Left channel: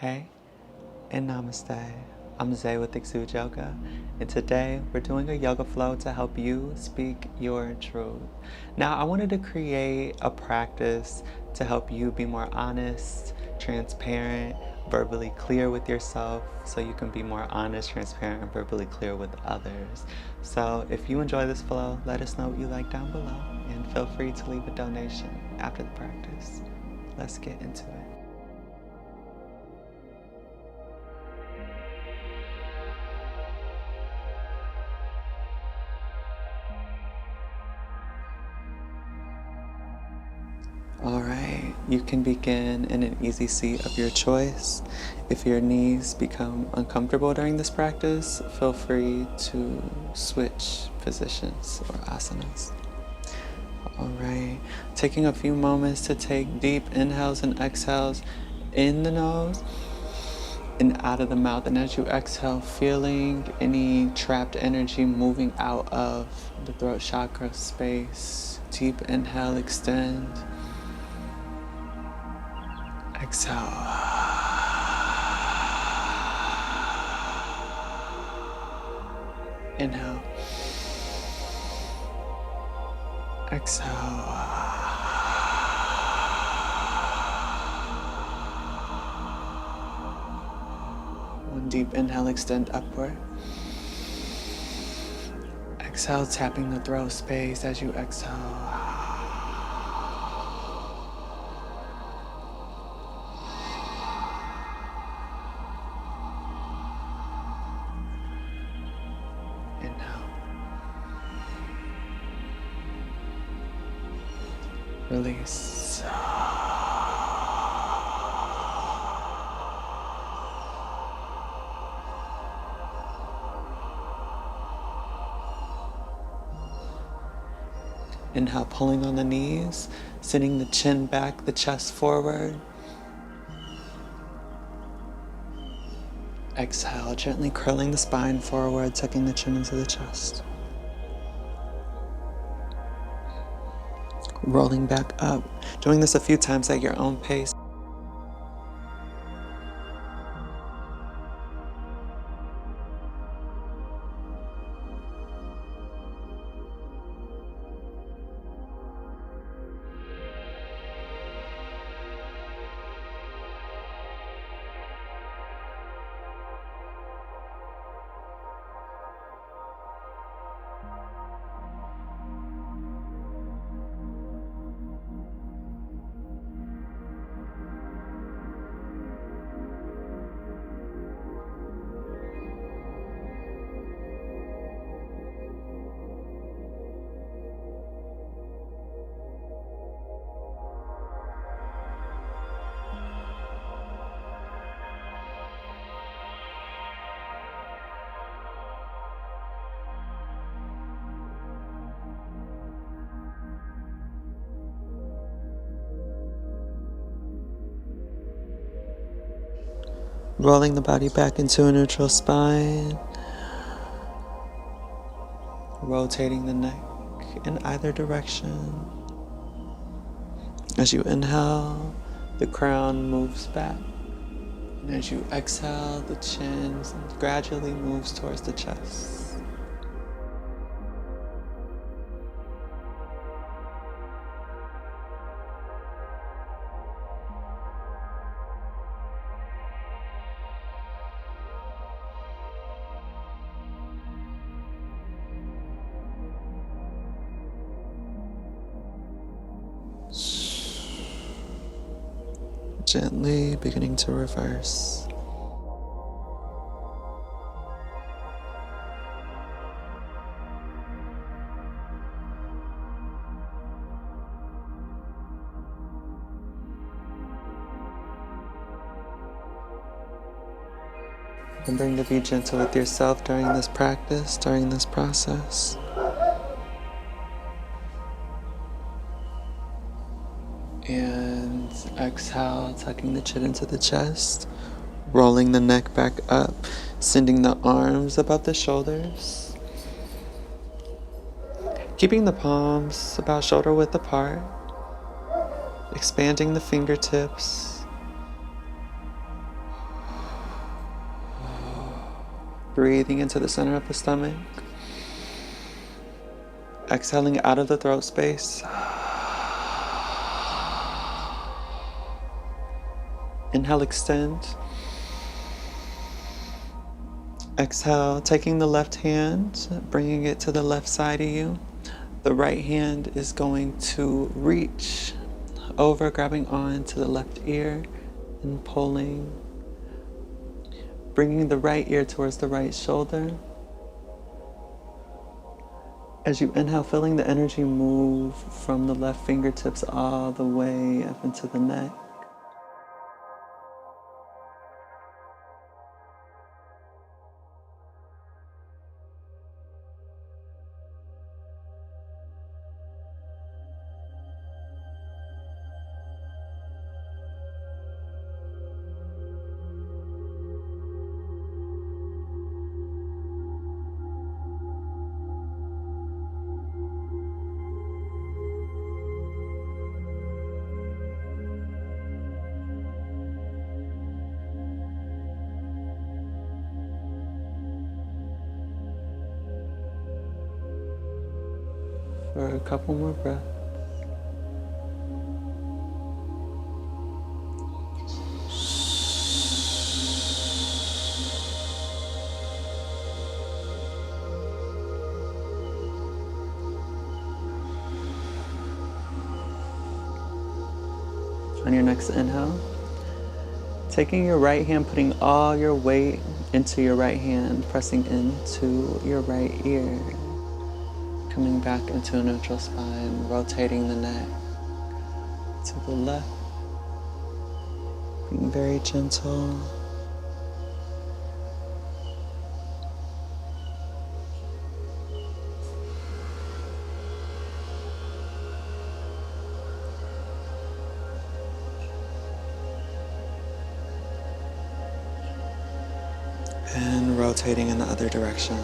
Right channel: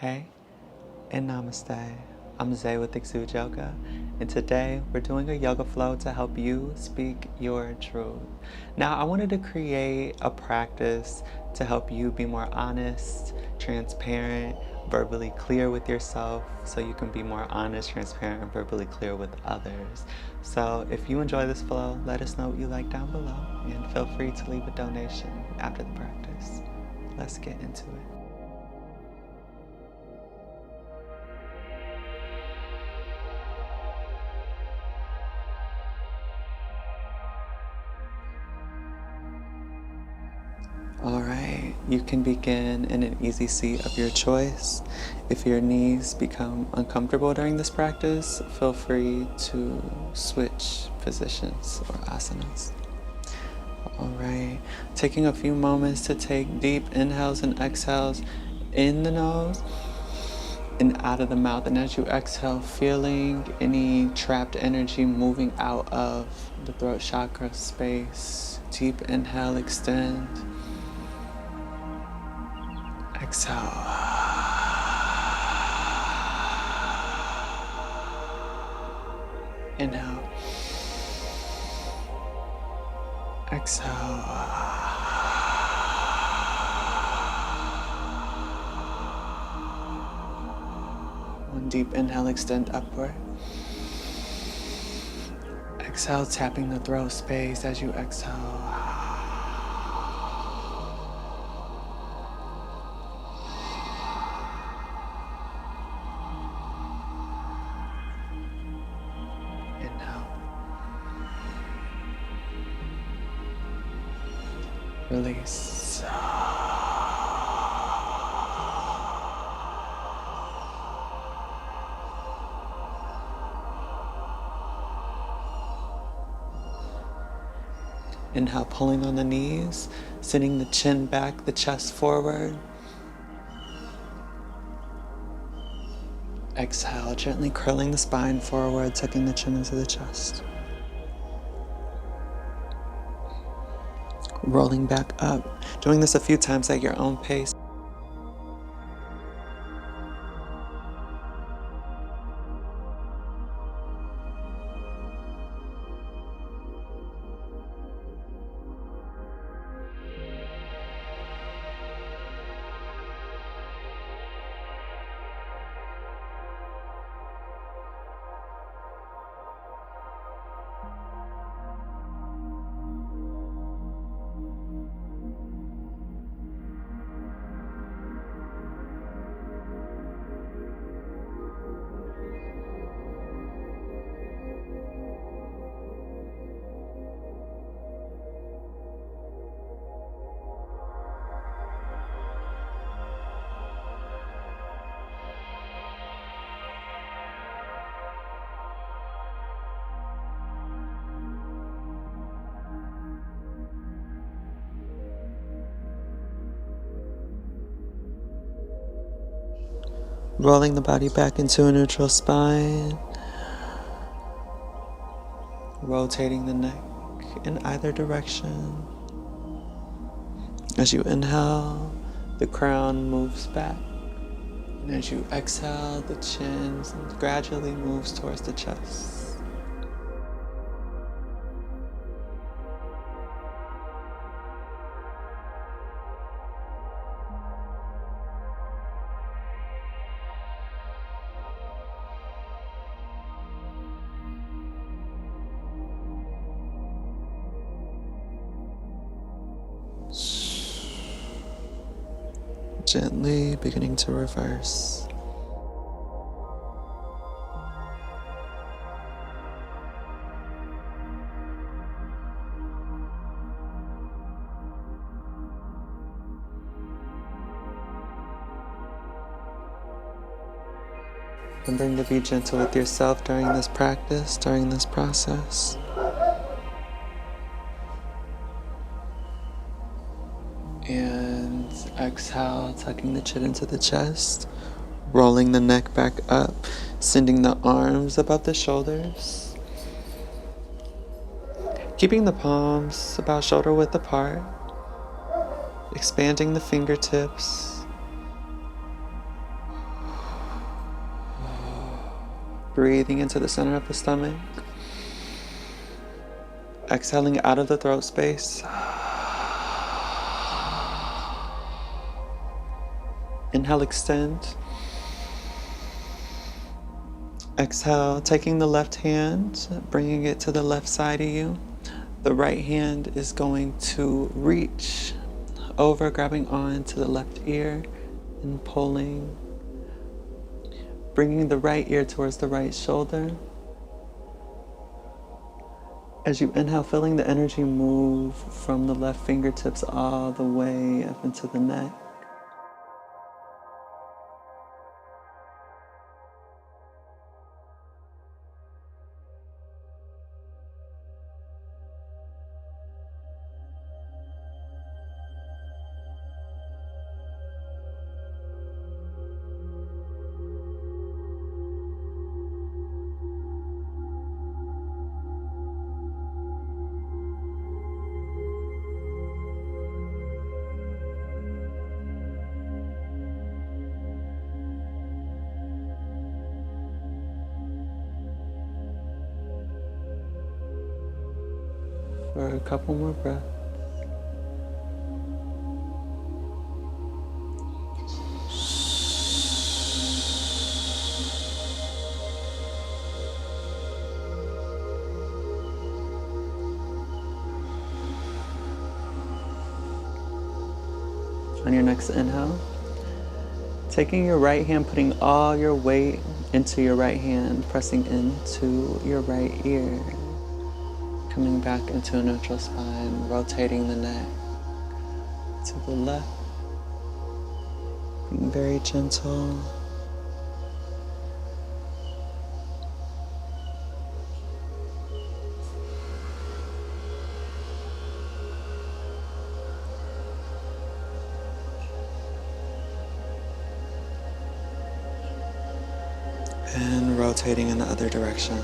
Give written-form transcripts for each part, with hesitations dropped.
Hey, and namaste. I'm Zay with Xude Yoga, and today we're doing a yoga flow to help you speak your truth. Now, I wanted to create a practice to help you be more honest, transparent, verbally clear with yourself, so you can be more honest, transparent, and verbally clear with others. So if you enjoy this flow, let us know what you like down below, and feel free to leave a donation after the practice. Let's get into it. Alright, you can begin in an easy seat of your choice. If your knees become uncomfortable during this practice, feel free to switch positions or asanas. Alright, taking a few moments to take deep inhales and exhales in the nose and out of the mouth. And as you exhale, feeling any trapped energy moving out of the throat chakra space. Deep inhale, extend. Exhale. Inhale. Exhale. One deep inhale, extend upward. Exhale, tapping the throat space as you exhale. Inhale. Release. Inhale, pulling on the knees, sending the chin back, the chest forward. Exhale, gently curling the spine forward, tucking the chin into the chest. Rolling back up, doing this a few times at your own pace. Rolling the body back into a neutral spine. Rotating the neck in either direction. As you inhale, the crown moves back. And as you exhale, the chin gradually moves towards the chest. Gently beginning to reverse. Remembering to be gentle with yourself during this practice, during this process. And exhale, tucking the chin into the chest, rolling the neck back up, sending the arms above the shoulders. Keeping the palms about shoulder width apart, expanding the fingertips. Breathing into the center of the stomach. Exhaling out of the throat space. Inhale, extend. Exhale, taking the left hand, bringing it to the left side of you. The right hand is going to reach over, grabbing on to the left ear and pulling. Bringing the right ear towards the right shoulder. As you inhale, feeling the energy move from the left fingertips all the way up into the neck. For a couple more breaths. On your next inhale, taking your right hand, putting all your weight into your right hand, pressing into your right ear. Coming back into a neutral spine, rotating the neck to the left, being very gentle. And rotating in the other direction.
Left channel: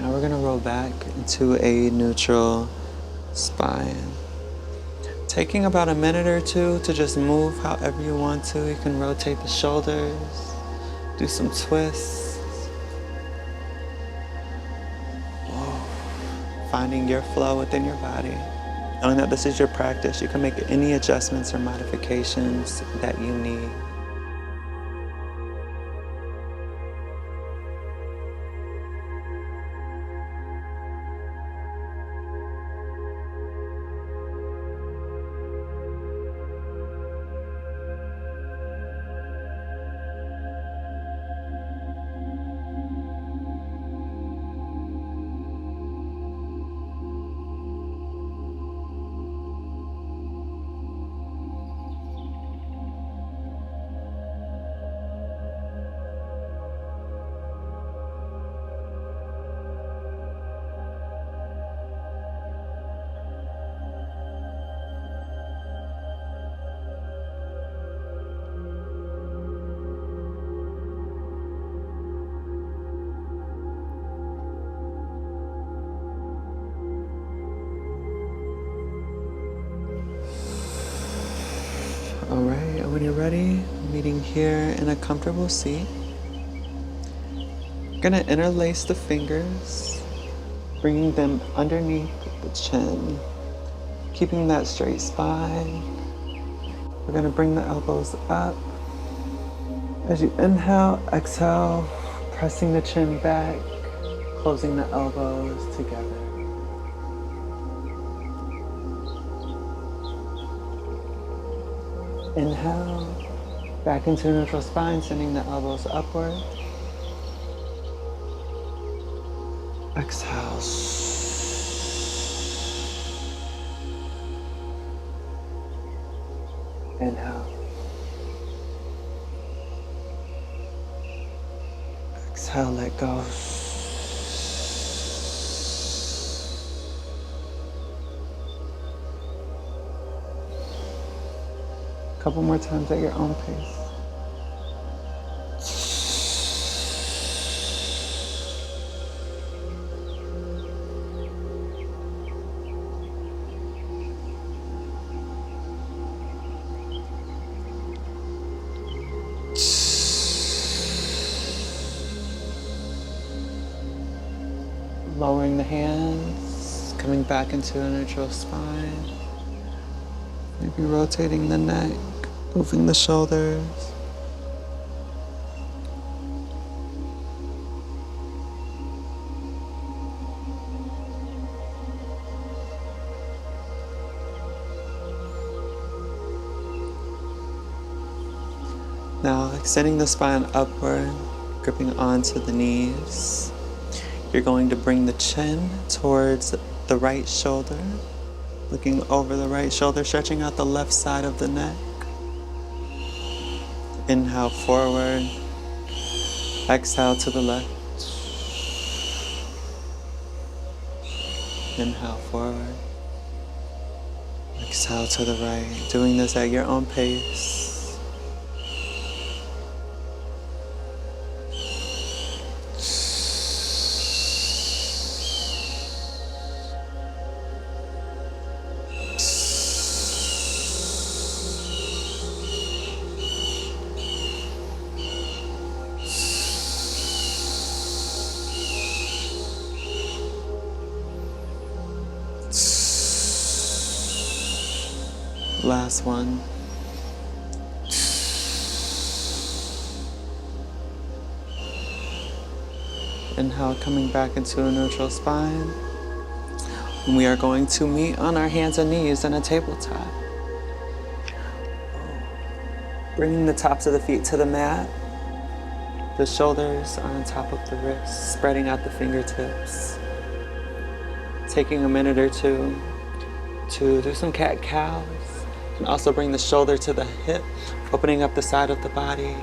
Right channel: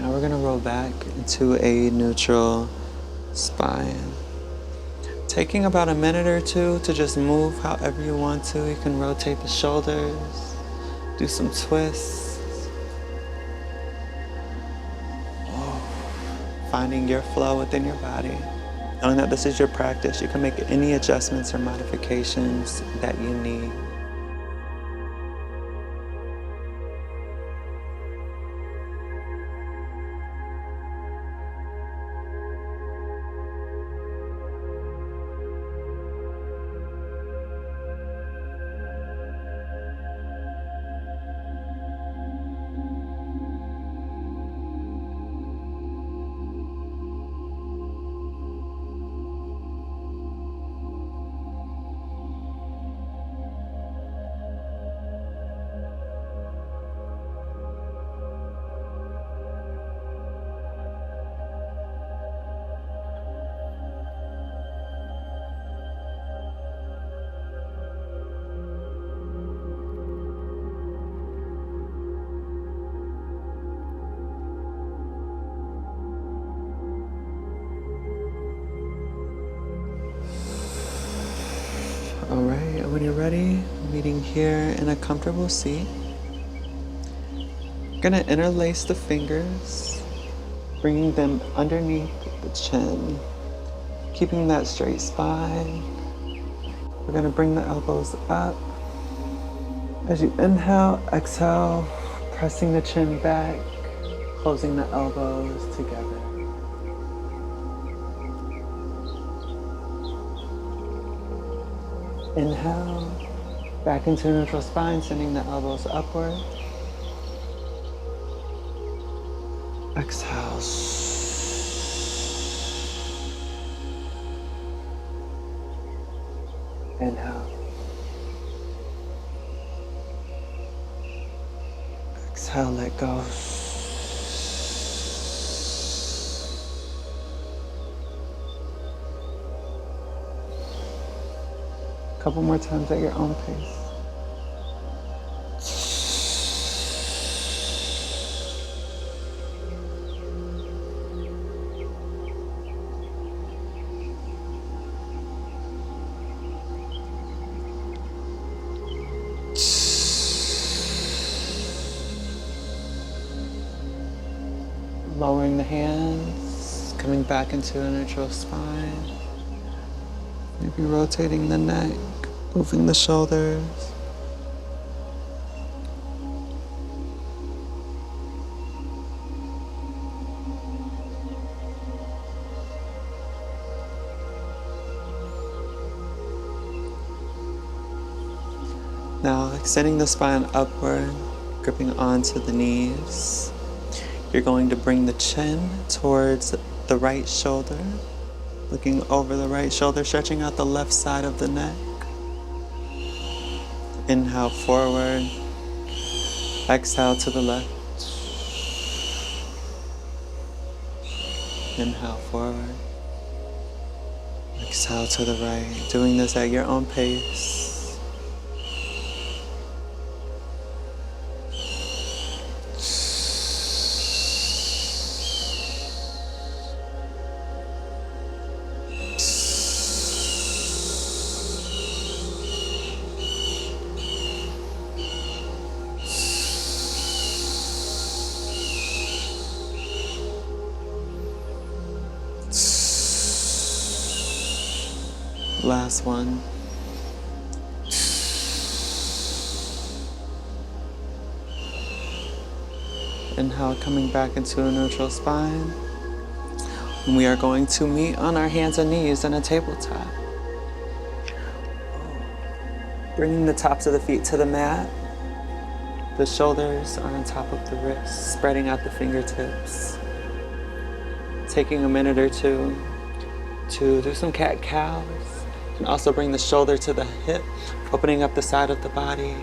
Now we're going to roll back into a neutral spine. Taking about a minute or two to just move however you want to. You can rotate the shoulders, do some twists. Finding your flow within your body. Knowing that this is your practice, you can make any adjustments or modifications that you need. All right, and when you're ready, meeting here in a comfortable seat. You're gonna interlace the fingers, bringing them underneath the chin, keeping that straight spine. We're gonna bring the elbows up. As you inhale, exhale, pressing the chin back, closing the elbows together. Inhale, back into neutral spine, sending the elbows upward. Exhale. Inhale. Exhale, let go. Couple more times at your own pace. Lowering the hands, coming back into a neutral spine. Maybe rotating the neck, moving the shoulders. Now extending the spine upward, gripping onto the knees. You're going to bring the chin towards the right shoulder, looking over the right shoulder, stretching out the left side of the neck. Inhale forward, exhale to the left. Inhale forward, exhale to the right. Doing this at your own pace. Last one. Inhale, coming back into a neutral spine. And we are going to meet on our hands and knees in a tabletop. Bringing the tops of the feet to the mat. The shoulders are on top of the wrists, spreading out the fingertips. Taking a minute or two to do some cat-cows. You can also bring the shoulder to the hip, opening up the side of the body.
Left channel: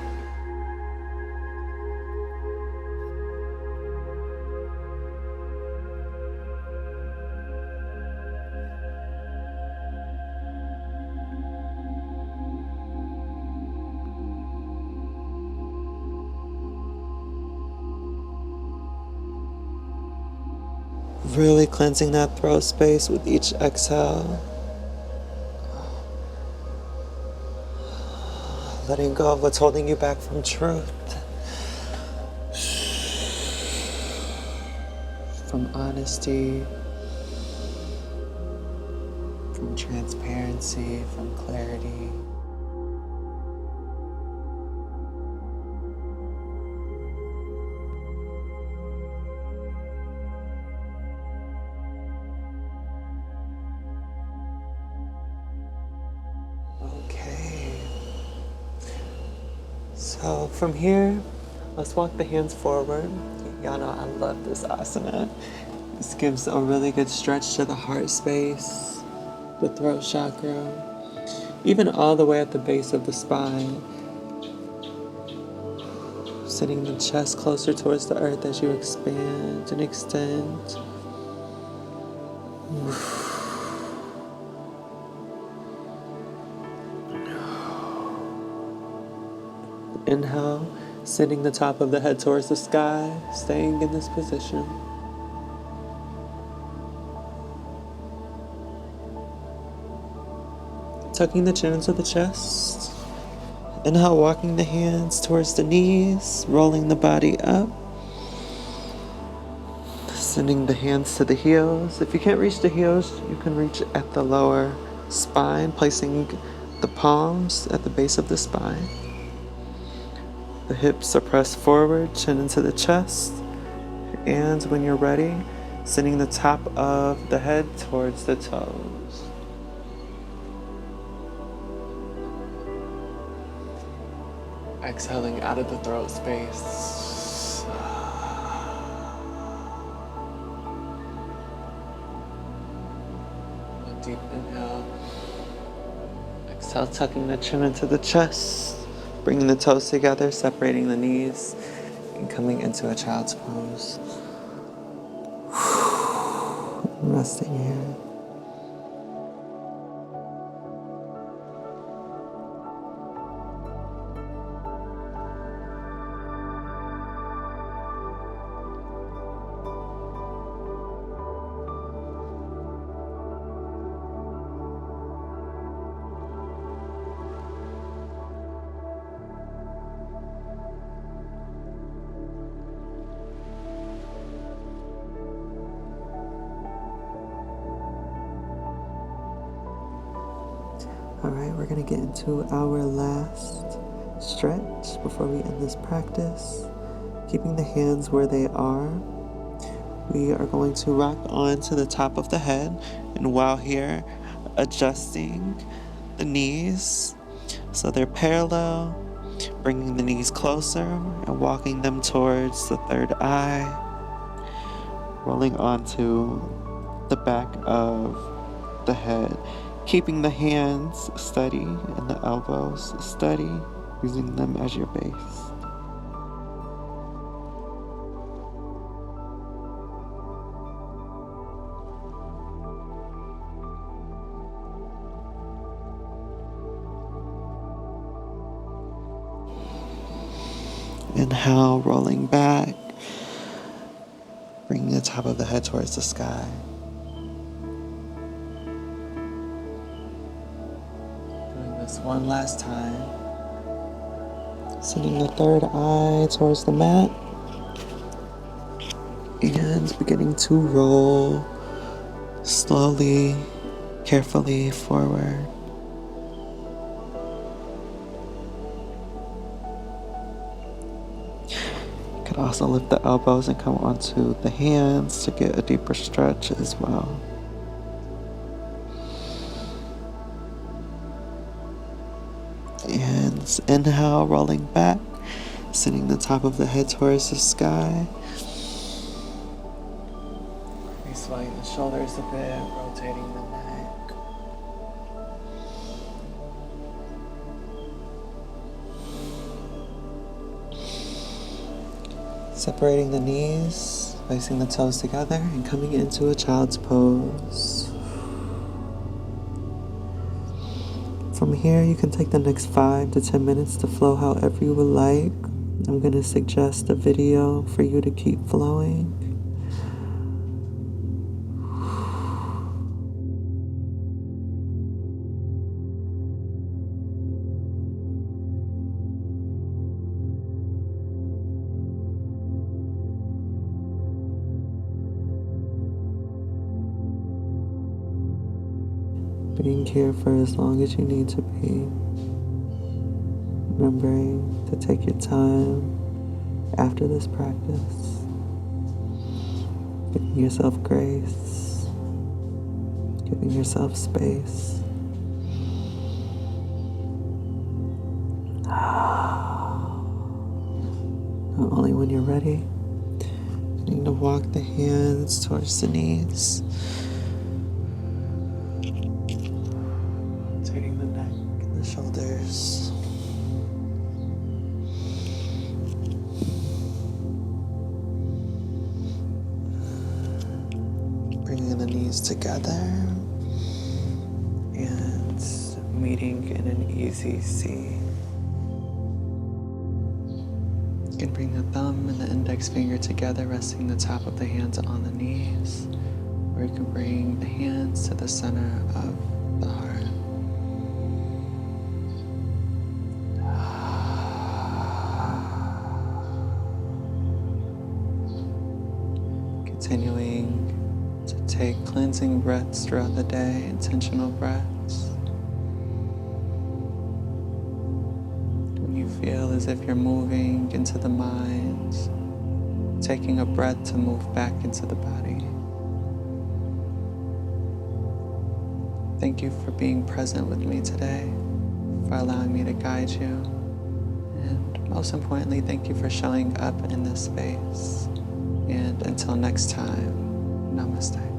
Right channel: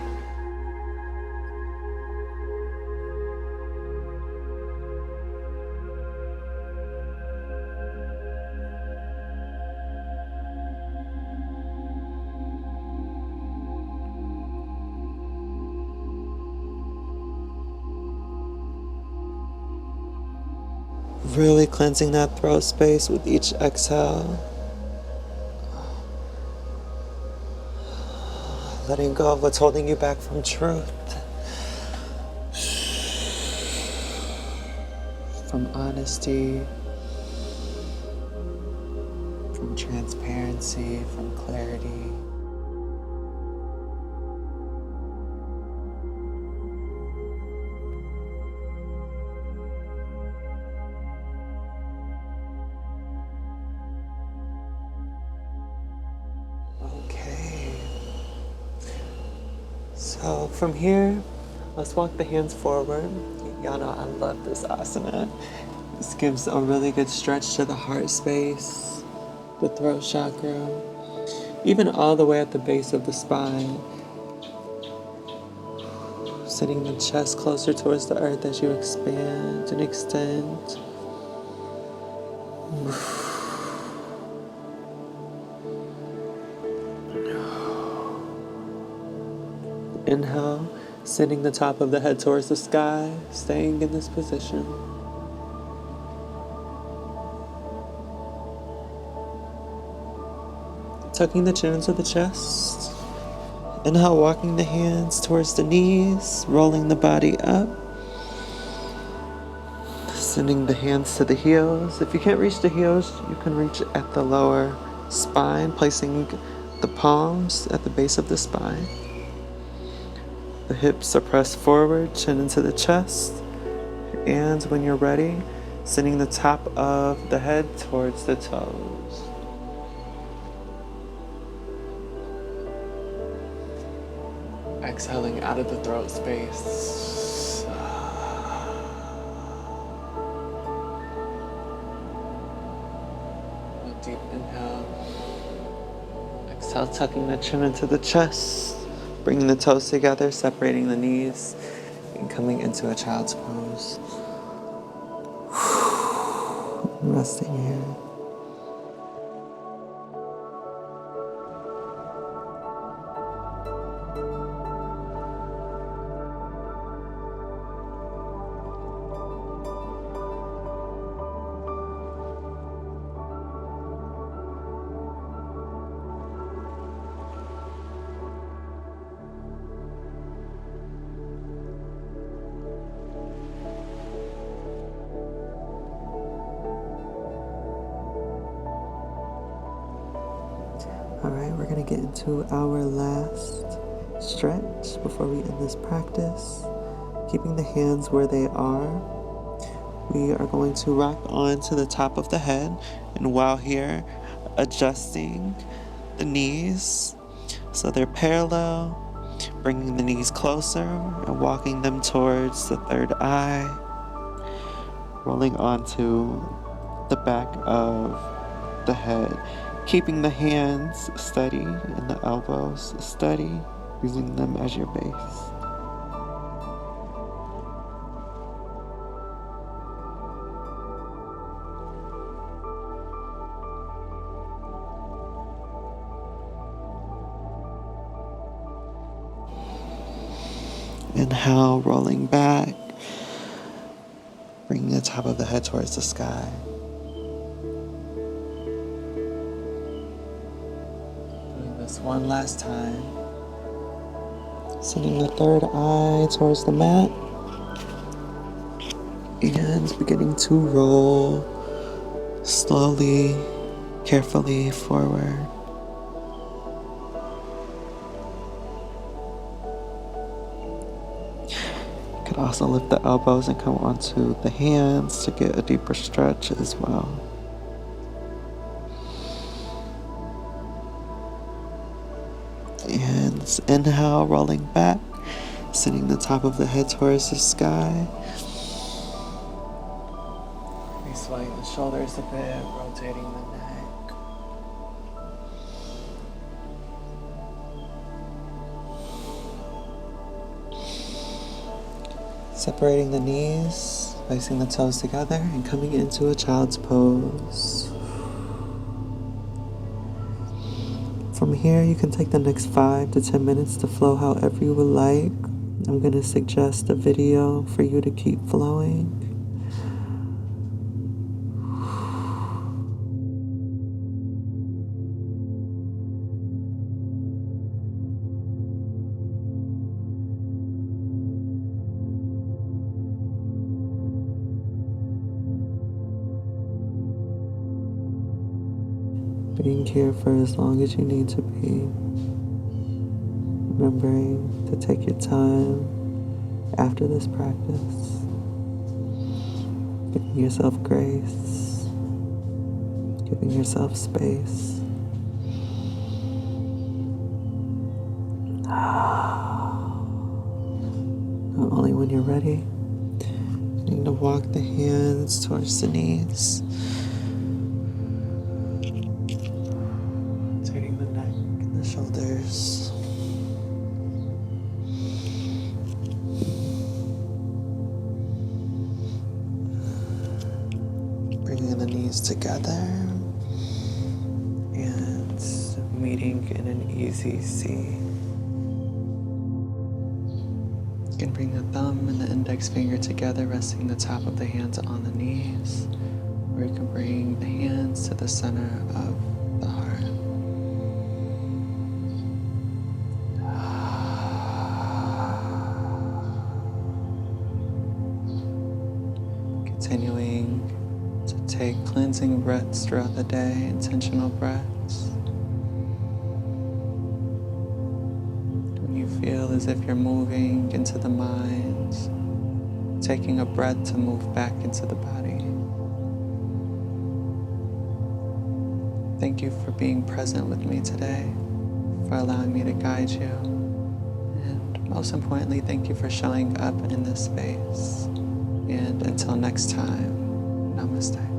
Really cleansing that throat space with each exhale. Letting go of what's holding you back from truth. From honesty. From transparency, from clarity. Okay. So from here, let's walk the hands forward. Y'all know I love this asana. This gives a really good stretch to the heart space, the throat chakra, even all the way at the base of the spine. Sending the chest closer towards the earth as you expand and extend. Inhale, sending the top of the head towards the sky, staying in this position. Tucking the chin into the chest. Inhale, walking the hands towards the knees, rolling the body up. Sending the hands to the heels. If you can't reach the heels, you can reach at the lower spine, placing the palms at the base of the spine. The hips are pressed forward, chin into the chest. And when you're ready, sending the top of the head towards the toes. Exhaling out of the throat space. A deep inhale. Exhale, tucking the chin into the chest. Bringing the toes together, separating the knees, and coming into a child's pose. Resting here. Alright, we're going to get into our last stretch before we end this practice. Keeping the hands where they are, we are going to rock on to the top of the head, and while here, adjusting the knees so they're parallel, bringing the knees closer and walking them towards the third eye, rolling onto the back of the head, keeping the hands steady and the elbows steady, using them as your base. Inhale, rolling back, bringing the top of the head towards the sky. Doing this one last time. Sending the third eye towards the mat. And beginning to roll slowly, carefully forward. Also lift the elbows and come onto the hands to get a deeper stretch as well. And inhale, rolling back, sending the top of the head towards the sky. Swaying the shoulders a bit, rotating the neck. Separating the knees, placing the toes together, and coming into a child's pose. From here, you can take the next 5 to 10 minutes to flow however you would like. I'm going to suggest a video for you to keep flowing. Being here for as long as you need to be. Remembering to take your time after this practice. Giving yourself grace. Giving yourself space. Not only when you're ready, you need to walk the hands towards the knees. Rotating the neck and the shoulders. Bringing the knees together and meeting in an easy C. You can bring the thumb and the index finger together, resting the top of the hands on the knees, or you can bring the hands to the center of the heart. Continuing to take cleansing breaths throughout the day, intentional breaths. When you feel as if you're moving into the mind, taking a breath to move back into the body. Thank you for being present with me today, for allowing me to guide you, and most importantly, thank you for showing up in this space. And until next time, namaste.